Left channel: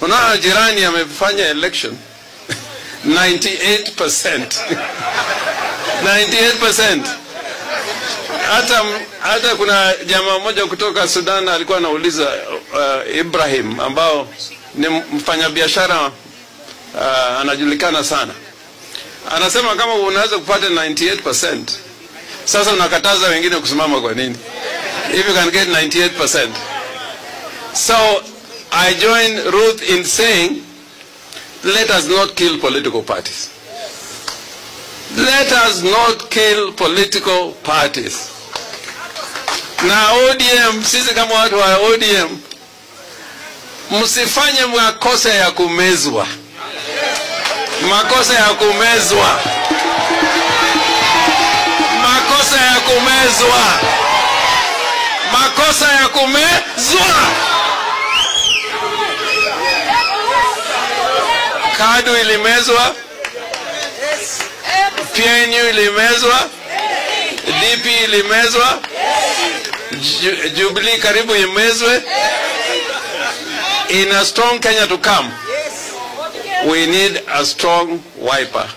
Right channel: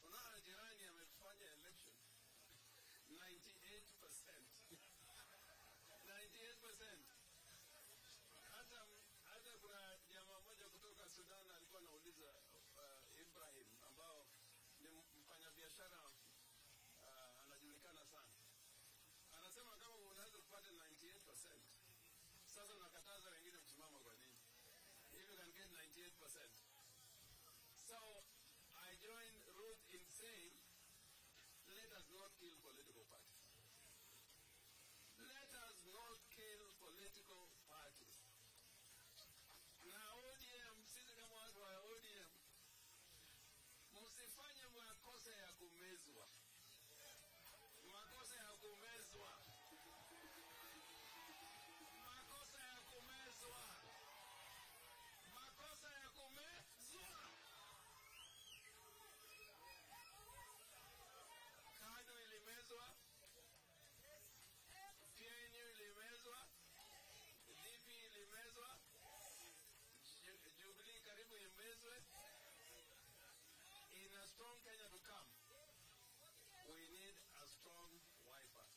Unaona jirani amefanya election 98%. 98%. Hata kuna jamaa mmoja kutoka Sudan alikuwa anauliza Ibrahim ambao ni mfanyabiashara anajulikana sana. Anasema kama unaweza kupata 98%, sasa unakataza wengine kusimama kwa nini? If you can get 98%. So I join Ruth in saying, let us not kill political parties. Let us not kill political parties. Na ODM, sisi kama watu wa ODM, msifanye makosa ya kumezwa. Makosa ya kumezwa. Makosa ya kumezwa. Makosa ya kumezwa. KADU ilimezwa. PNU ilimezwa. DP ilimezwa. Jubilee karibu imezwe. In a strong Kenya to come, we need a strong Wiper.